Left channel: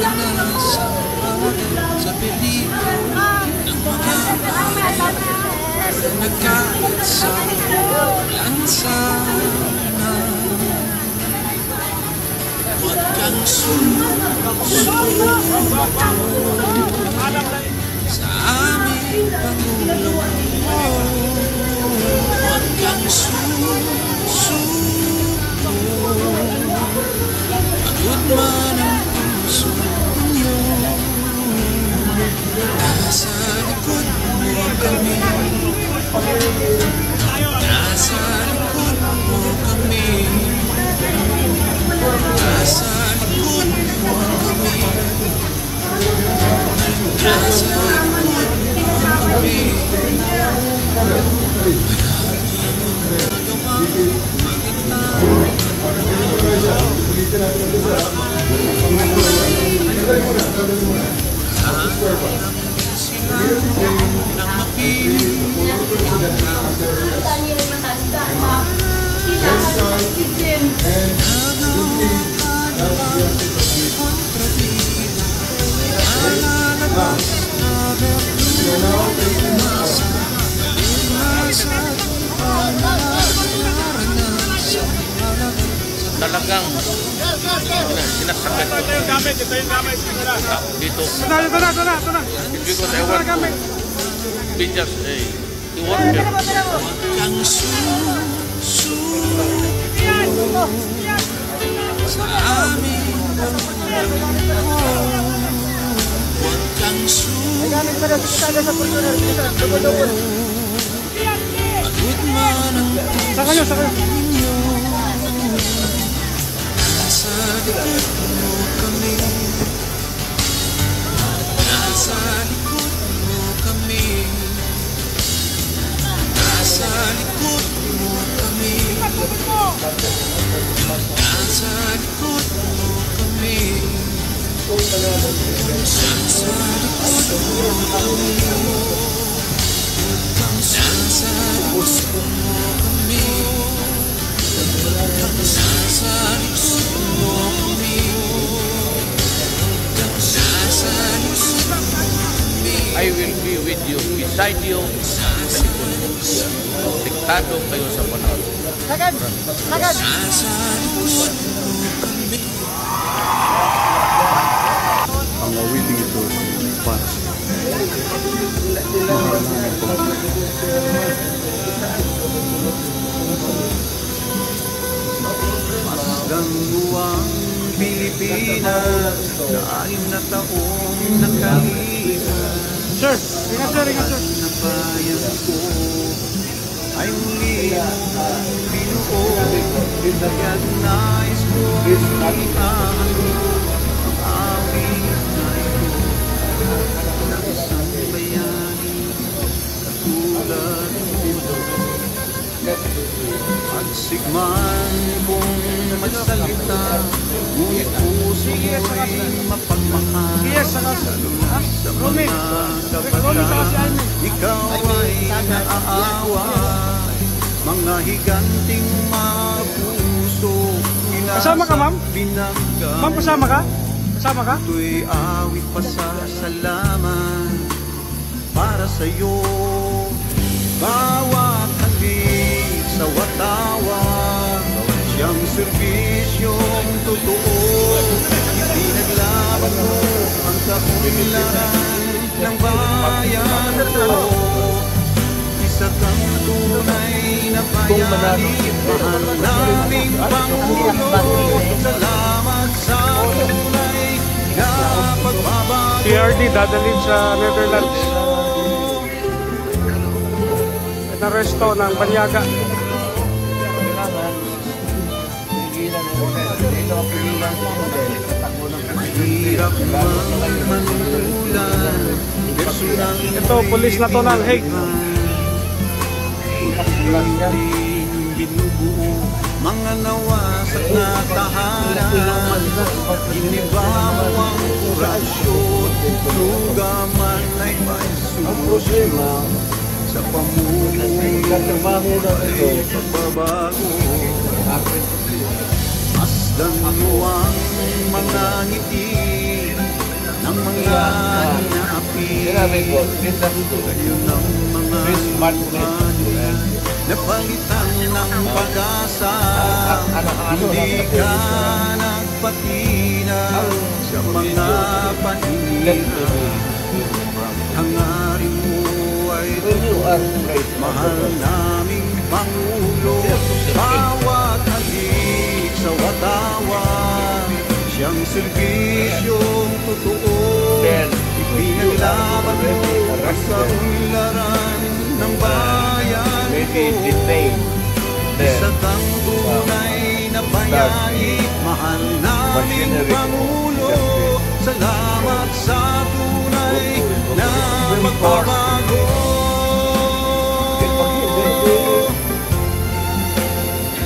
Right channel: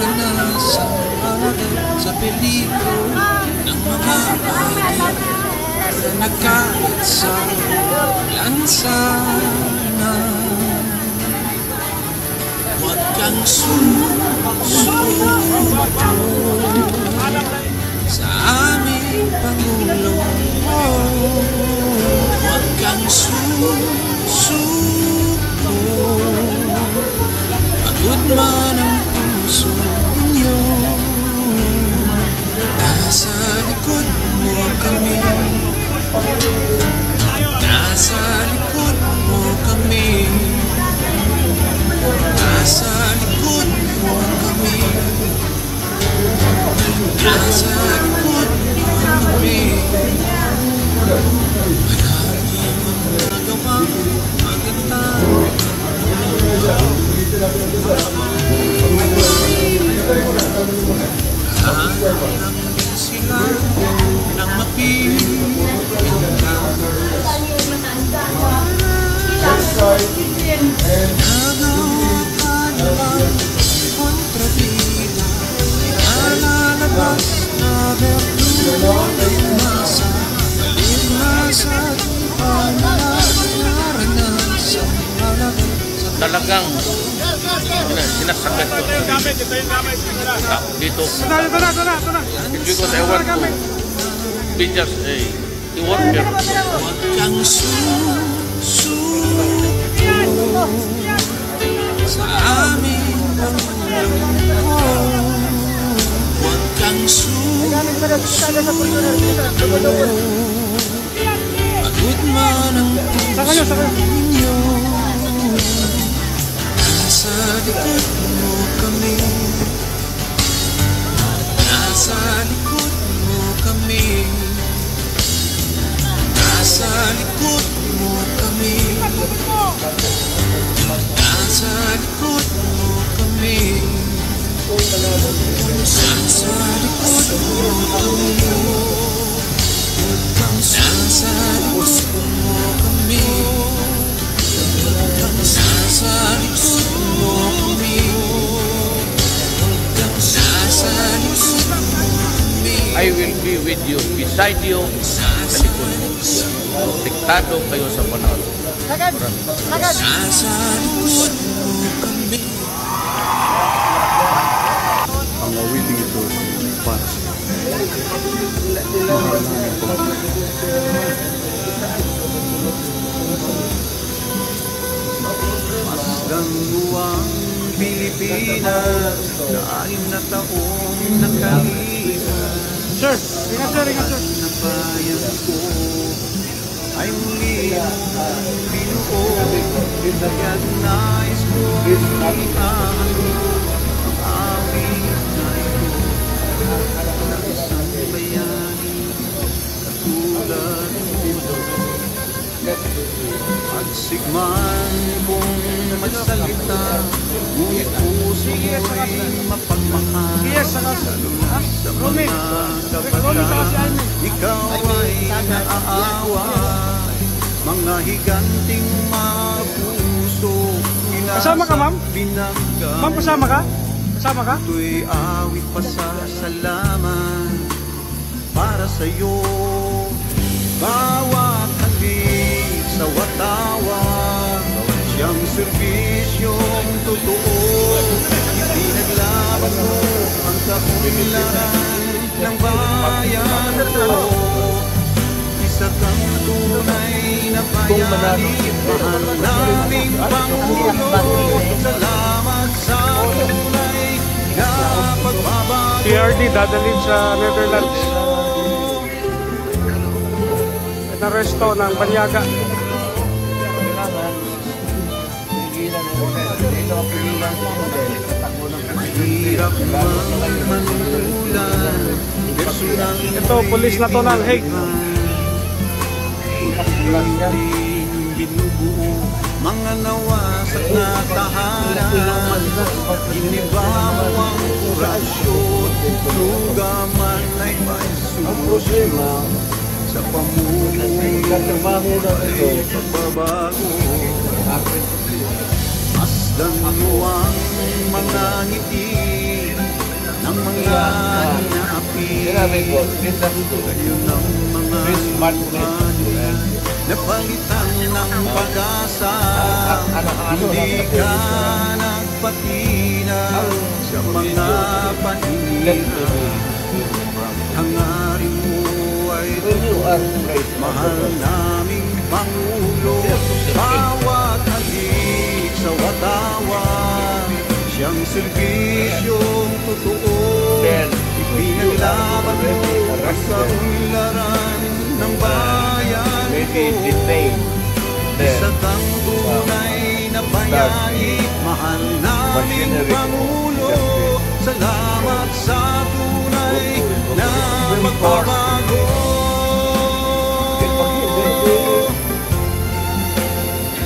naranasan sa peligro ng mga hayop na nagkalat sa lansangan. Huwag kang susuko sa aming Pangulo. Huwag kang susuko, pagod man ang puso ninyo. Nasa likod mo kami, nasa likod mo kami, nasa likod mo kami, nasa likod mo kami. Maraming magawang maganda, hahanap sila ng mapipilitan ka. Nagawa ka naman kontrabida, nalalabas na bertulo ng masa, palimasa ang naranasan. Talagang sinasagad ko dito. Because I want to be just a worker. Huwag kang susuko sa aming Pangulo. Huwag kang susuko, pagod man ang puso ninyo. Nasa likod mo kami, nasa likod mo kami, nasa likod mo kami, nasa likod mo kami, nasa likod mo kami, nasa likod mo kami, nasa likod mo kami, nasa likod mo kami. I will be with you, beside you, sa likod. Diktado kayo sa panahon. Nasa likod mo kami. Ang awiting ito para sa mahal namin po. Masgang luwang Pilipinas na 6 na taong nakalipas. Sir, ingat sir. Na bayan ko ay muli mong binuo. Kaya't nais ko ihahalo ang awit na ito ng isang bayani katulad mo. Pagsigman kong magsalita, ngunit puso mo'y mapagmahal. Sa mga kabataan, ikaw ay naaaway. Mga higanting mga puso, Kasama ka, ma'am? Ma'am, kasama ka? Kasama ka? Ito'y awit pasasalamat para sa'yo. Bawat halik sa watawag, siyang serbisyong totoo. Pinaglaban mo ang kaunlaran ng bayan ko. Isa kang tunay na bayani, mahal naming Pangulo. Salamat sa tunay na pagbabago. PRD dadalhin sa Netherlands. Naresto ng Banyaga. Mahirap manulan, Ito, pulis na to ng Hague. binubuo mga nawasak na tahanan. Iniba mo ang orasyon, lugaman ay may solusyon. Sa pamumuhay ay pagbabago. Mas Masdan mo ang mga ngiti ng mga inaapi. Ngayon ang mga lumanin napalitan ng pag-asa. Hindi ka nagpatina sa mga paninira. Hangarin mo ay mahal naming Pangulo. Bawat halik sa watawan, siyang serbisyong totoo. Ipinaglaban mo sa unlaran ng bayan ko. Isa kang tunay na bayani, mahal naming Pangulo. Salamat sa tunay na pagbabago.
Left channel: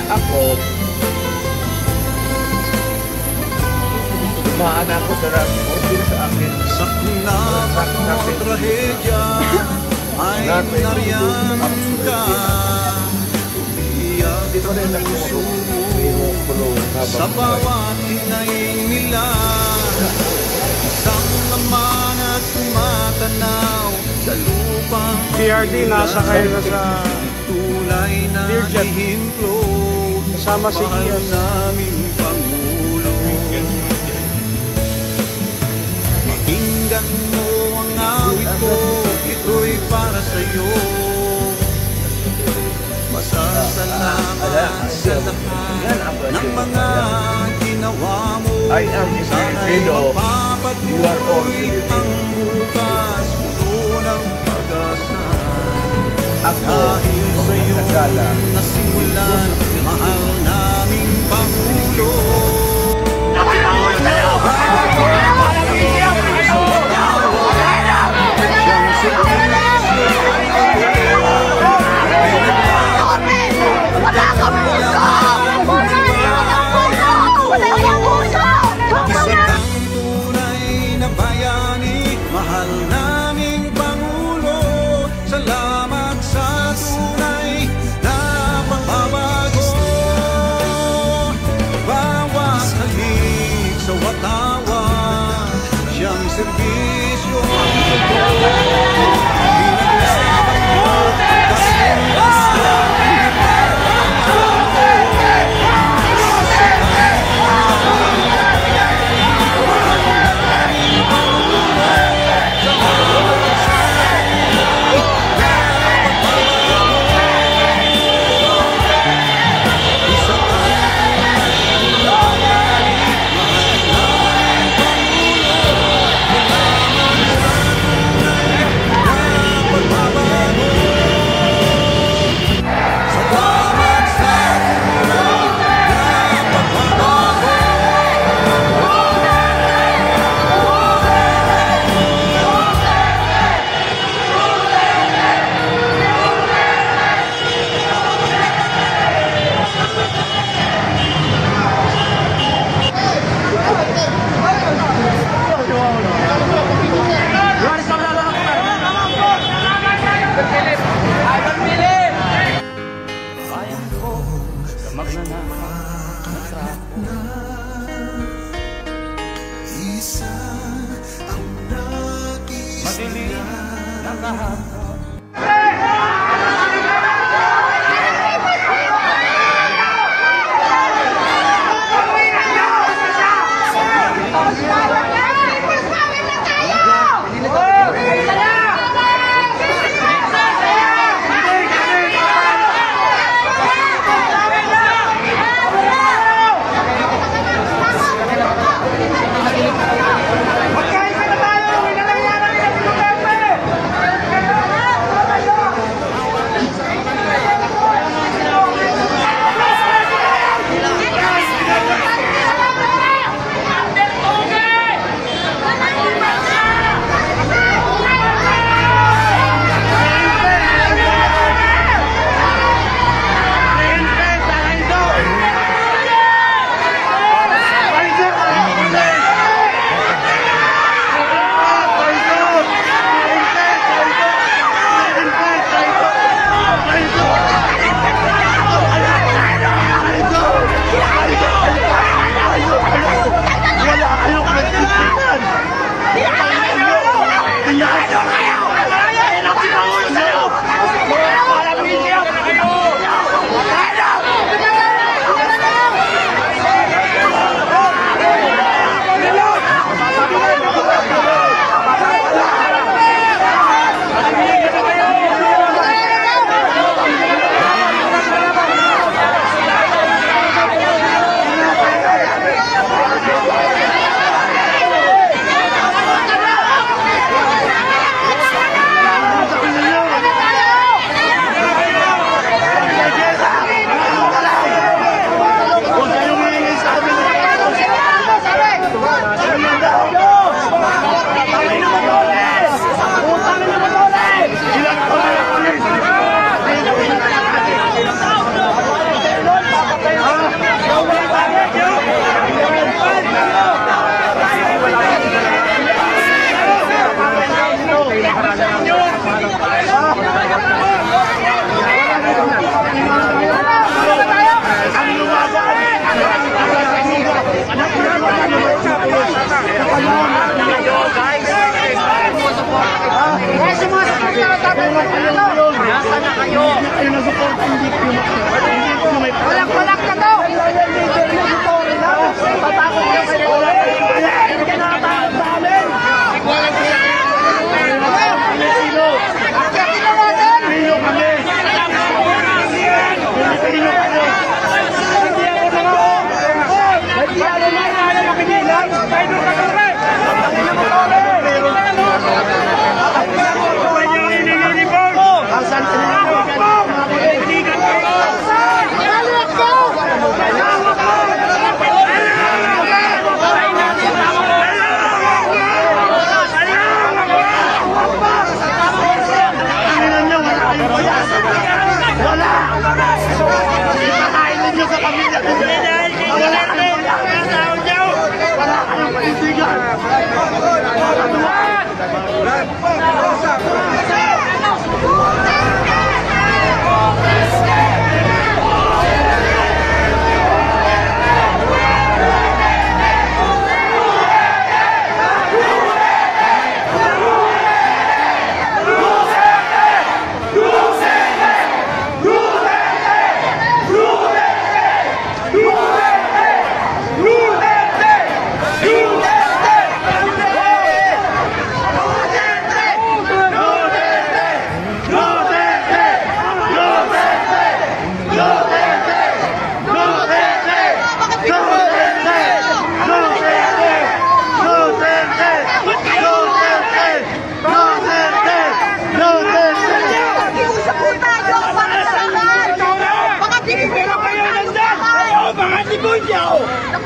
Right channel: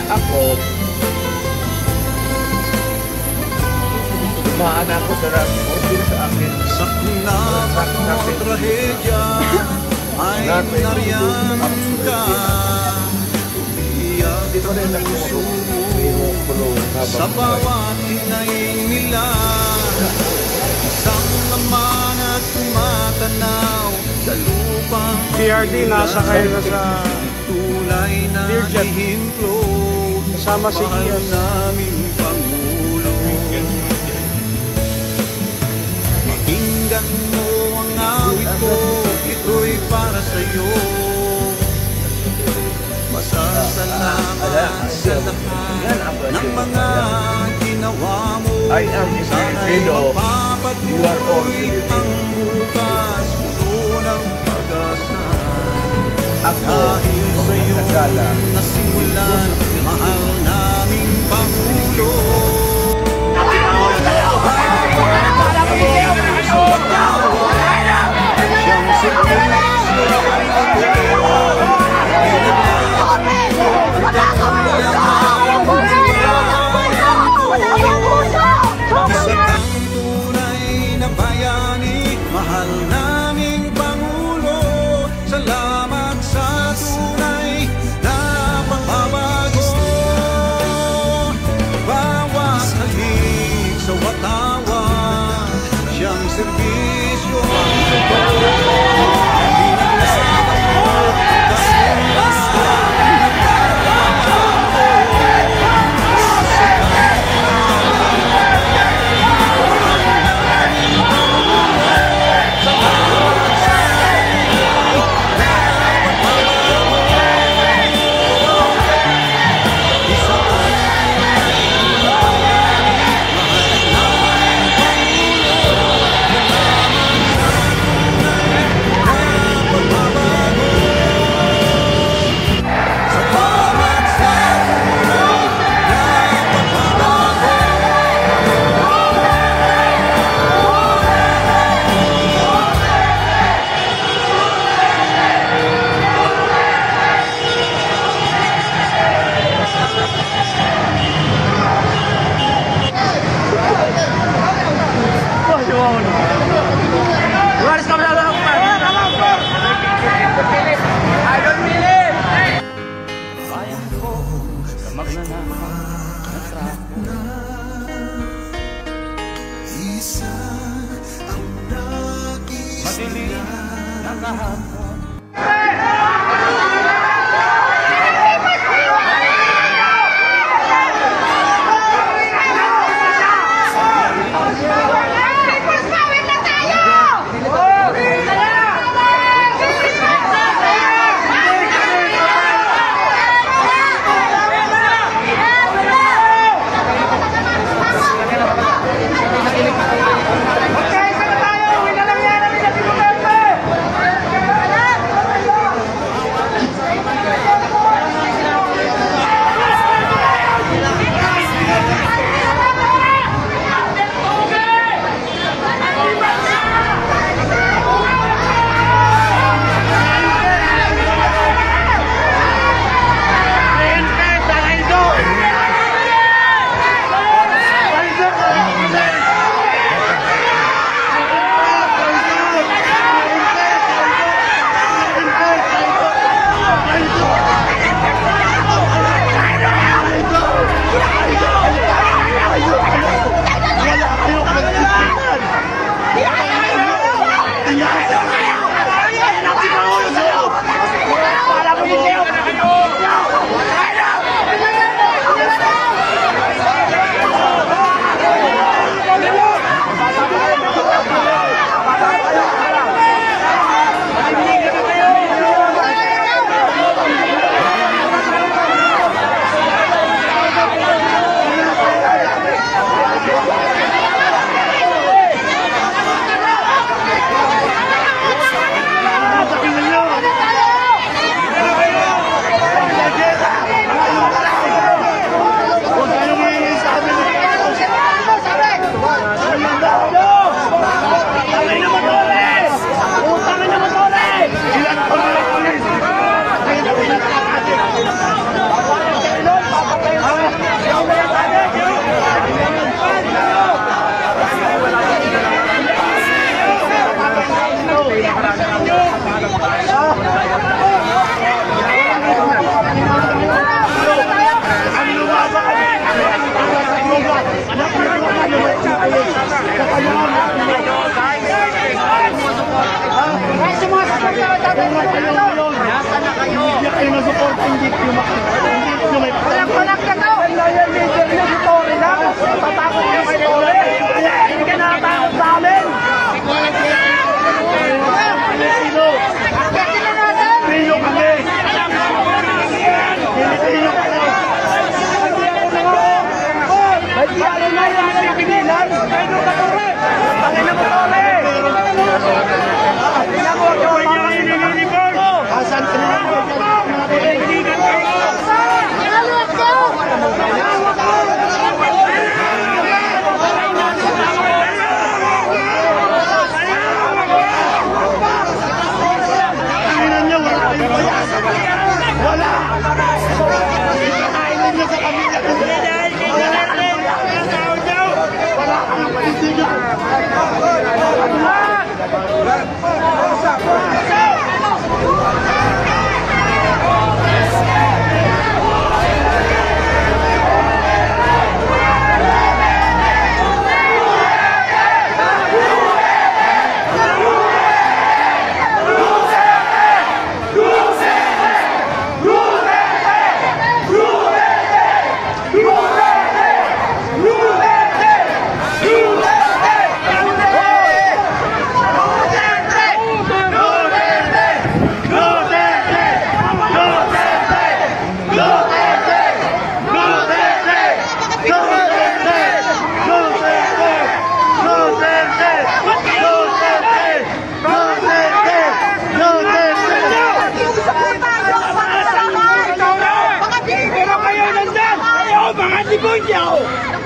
Ako, dumaan ako sa order sa akin. Sa kunabak mo trahedya ay nariyan ka. Umiyak ang puso mo sa bawat hinay nila. Isang laman at tumatanaw sa lupang PRD, nasa kayo na sa tulay na Learjet. hihimplo. Kasama si Mahal Ian. naming Pangulo. Pakinggan mo ang awit ko, ito'y para sa'yo. Masasalamat sa lahat ng mga ginawa mo. I am his Sana'y widow. You are all mapapatuloy ang bukas, puno ng pag-asa. Ako, Dahil sa'yo nagkala. nasimulan, mahal naming Pangulo. Sa watawa, siyang servisyo ang totoo. Pinaglaban mo ang kakulangan ng bayan ko. Isa kang tunay na bayani, mahal naming Pangulo. Salamat sa tunay na pagbabago. Bawat halik sa watawan, siyang serbisyo ang totoo. Pinaglaban mo ang kakulangan ng bayan ko. Isa kang tunay na bayani, mahal naming Pangulo. Salamat sa tunay na pagbabago. Isa kang tunay na bayani, mahal naming Pangulo. Salamat sa tunay na pagbabago. Salamat sa tunay na pagbabago. Isa ang nakikita. Pero kayo ngayon, hindi kayo nasupport, hindi kayo may patanggol. Yung leader niya si Tory na, natatakot niya kay Tory. Hindi ka natatakot sa amin. Kayo kayong Pilipino. Pilipino kami. Pilipino kayo. Nagkiyalo na yung mga nakikilan. Kayo ka Tory. Pangin na mo Tory. Tingnan mo ito, asan ka nila?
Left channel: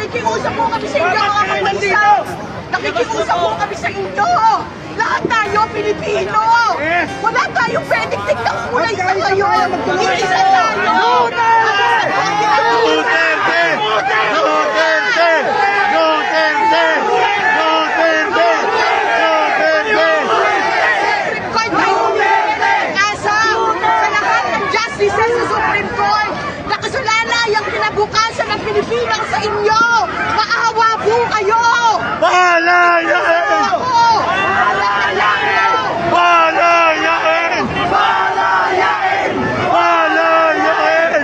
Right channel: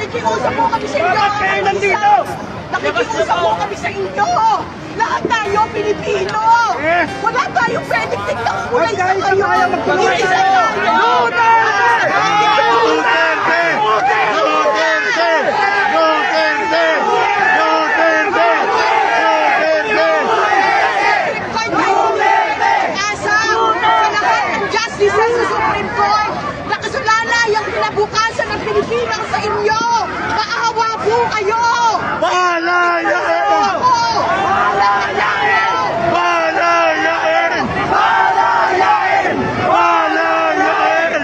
Nakikiusap po kami sa inyo, mga bansa! Nakikiusap po kami sa inyo! Lahat tayo, Pilipino! Wala tayong pwedeng tignan kulay sa ngayon! Iisa tayo! Duterte! Duterte! Duterte! Duterte! Asa sa lahat ng justice sa Supreme Court, nakasalanan yung kinabukasan ng Pilipinas sa inyo! Maawa po kayo! Palayain! Palayain! Palayain! Palayain! Palayain!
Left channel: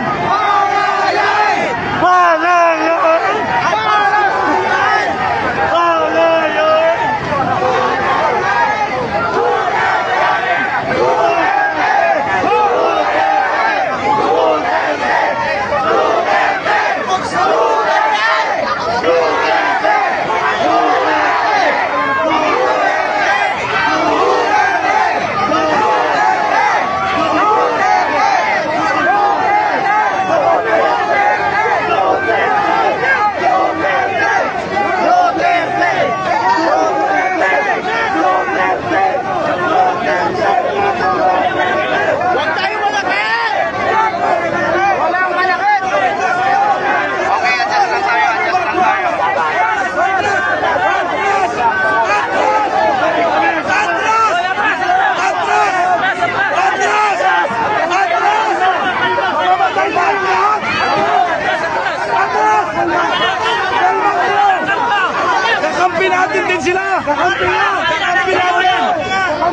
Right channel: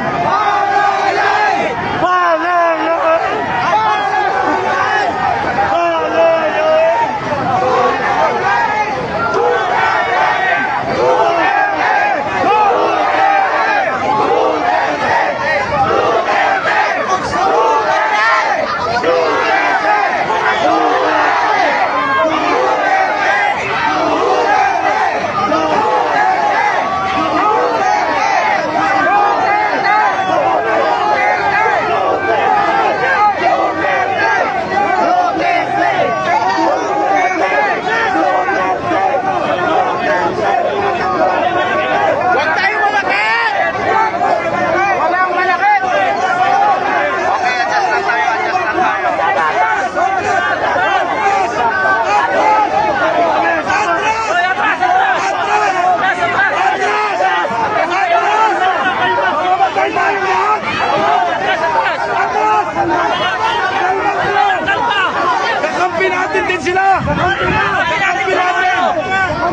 Palayain! Palayain! Kampi natin din sila! Kampi natin!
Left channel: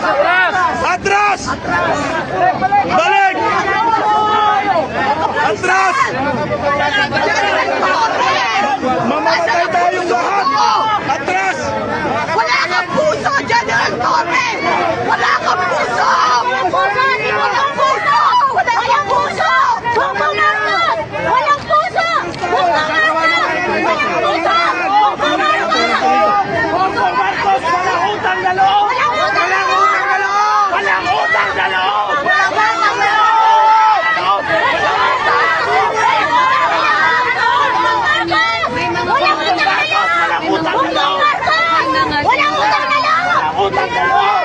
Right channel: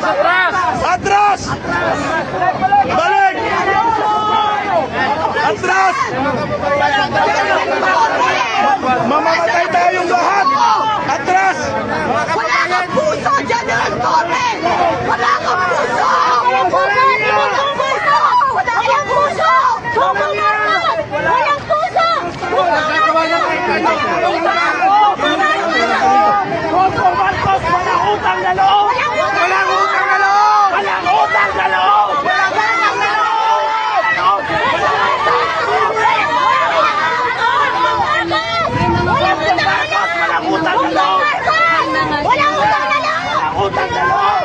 Atras! Balik! Atras! Mamamatay tayong lahat! Atras! Wala kang puso, General Torre! Wala kang puso! Walang puso! Walang puso! Walang puso! Bongo Marcos! Walang puso! Bongo Marcos! Walang puso! Bongo Marcos! Bongo Marcos, walang utang na loob! Walang utang na loob! Walang utang na loob! Walang utang na loob! Walang utang na loob! Walang utang na loob!